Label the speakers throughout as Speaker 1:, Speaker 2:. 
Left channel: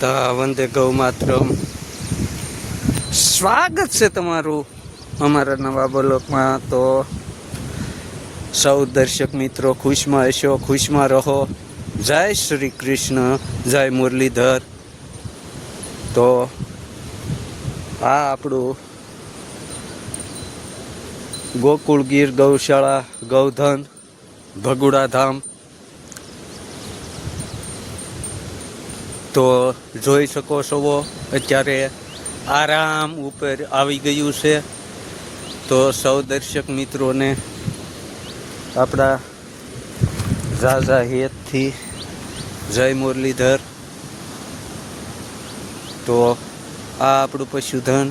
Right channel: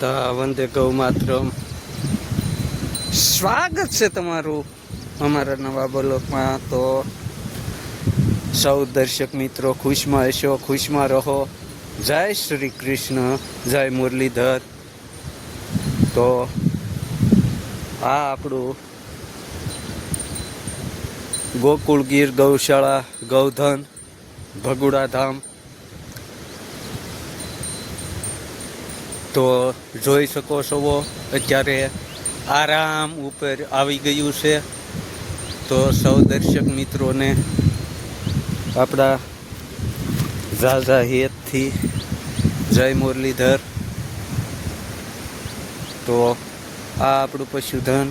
Speaker 1: માતા વંદે ગૌ માતરમ. સ્વાગત છે તમારું અમારા નવા બ્લોકમાં. તો સૌ દર્શક મિત્રો, ખુશમાં હશો, ખુશમાં રહો. જય શ્રી કૃષ્ણ, જય મુરલીધર. તો આ આપણું ગોકુળ ગીર ગૌશાળા ગૌધન ભગુડા ધામ તો જોઈ શકો છો અત્યારે આરામ ઉપર આવી ગયું છે. તો સૌ દર્શક મિત્રોને આપણા ઝાઝા હેતથી જય મુરલીધર. તો આ આપણું પશુધન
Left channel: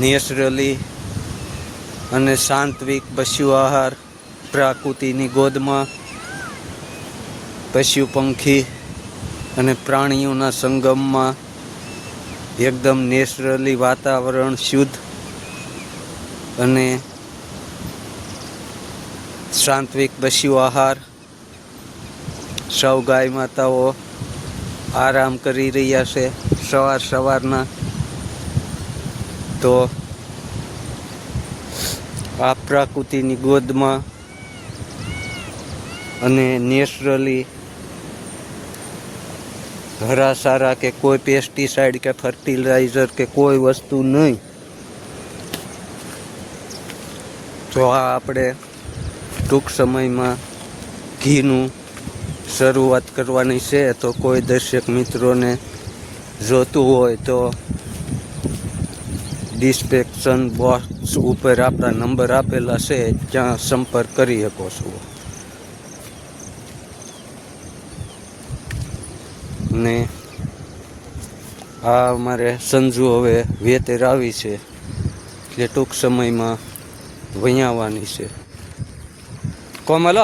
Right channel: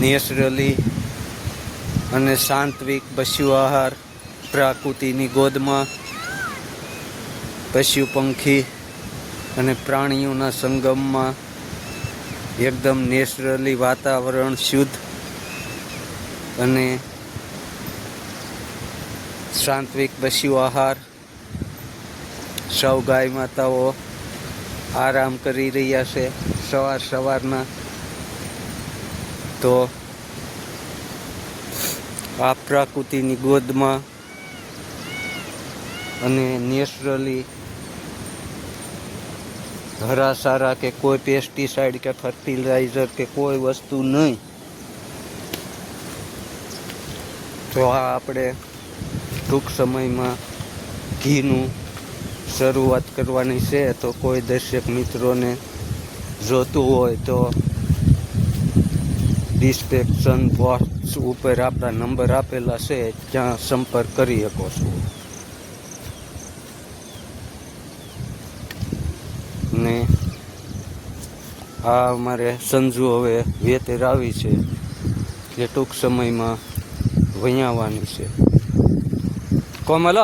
Speaker 1: નેચરલી અને સાંત્વિક પશુ આહાર પ્રાકૃતિની ગોદમાં પશુ પંખી અને પ્રાણીઓના સંગમમાં એકદમ નેચરલી વાતાવરણ, શુદ્ધ અને સાંત્વિક પશુ આહાર. સૌ ગાય માતાઓ આરામ કરી રહ્યા છે સવાર સવારના. તો આ પ્રાકૃતિની ગોદમાં અને નેચરલી હરા સારા કે કોઈ પેસ્ટિસાઇડ કે ફર્ટિલાઇઝર કે કોઈ વસ્તુ નહીં. જો આ આપણે ટૂંક સમયમાં ઘીનું શરૂઆત કરવાની છે. તો કોઈ દર્શક મિત્રોને જોતું હોય તો ડિસ્ક્રિપ્શન બોક્સ ઉપર આપણા નંબર આપેલા છે. ત્યાં સંપર્ક કરી શકો છો. ને આ અમારે સંજુ હવે વેતેર આવી છે, એટલે ટૂંક સમયમાં વૈયાવાની છે કોમલ?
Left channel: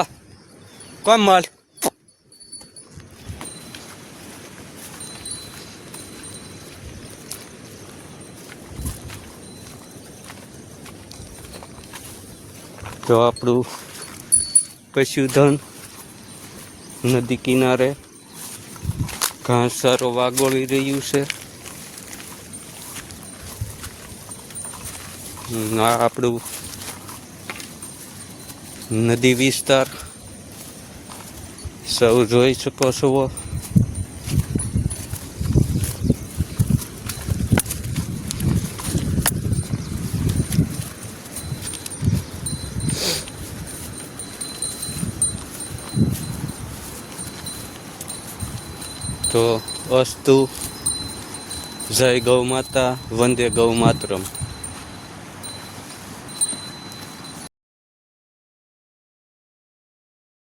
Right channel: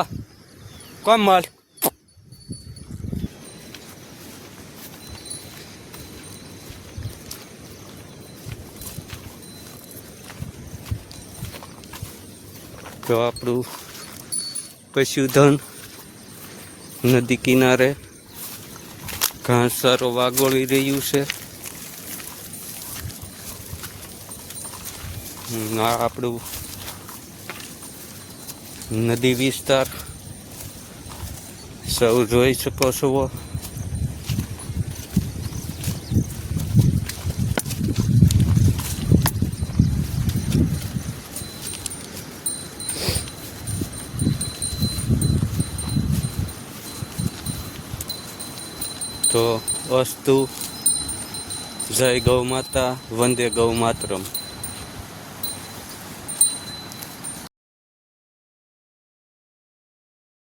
Speaker 1: કોમલ તો આપણું પશુધન નદી કિનારે ઘાસ સારો વાગોળી રહ્યું છે આપણું નદી વિસ્તાર સૌ જોઈ શકો છો તો અસ્તુ જય ગૌ માતા વંદે ગૌ માતરમ.